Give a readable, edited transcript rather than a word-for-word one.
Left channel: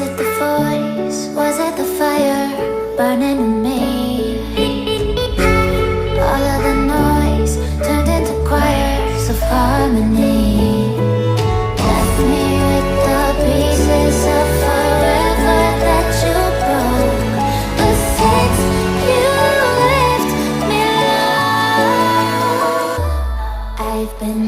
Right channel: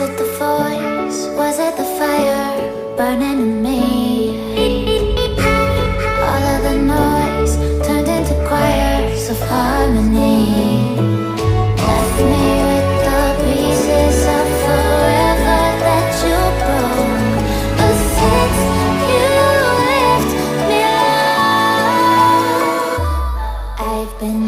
Was it the voice? Was it the fire burning in me? All of the noise turned into choirs of harmony. Left me with the pieces of forever that you broke. But since you left me alone, I've been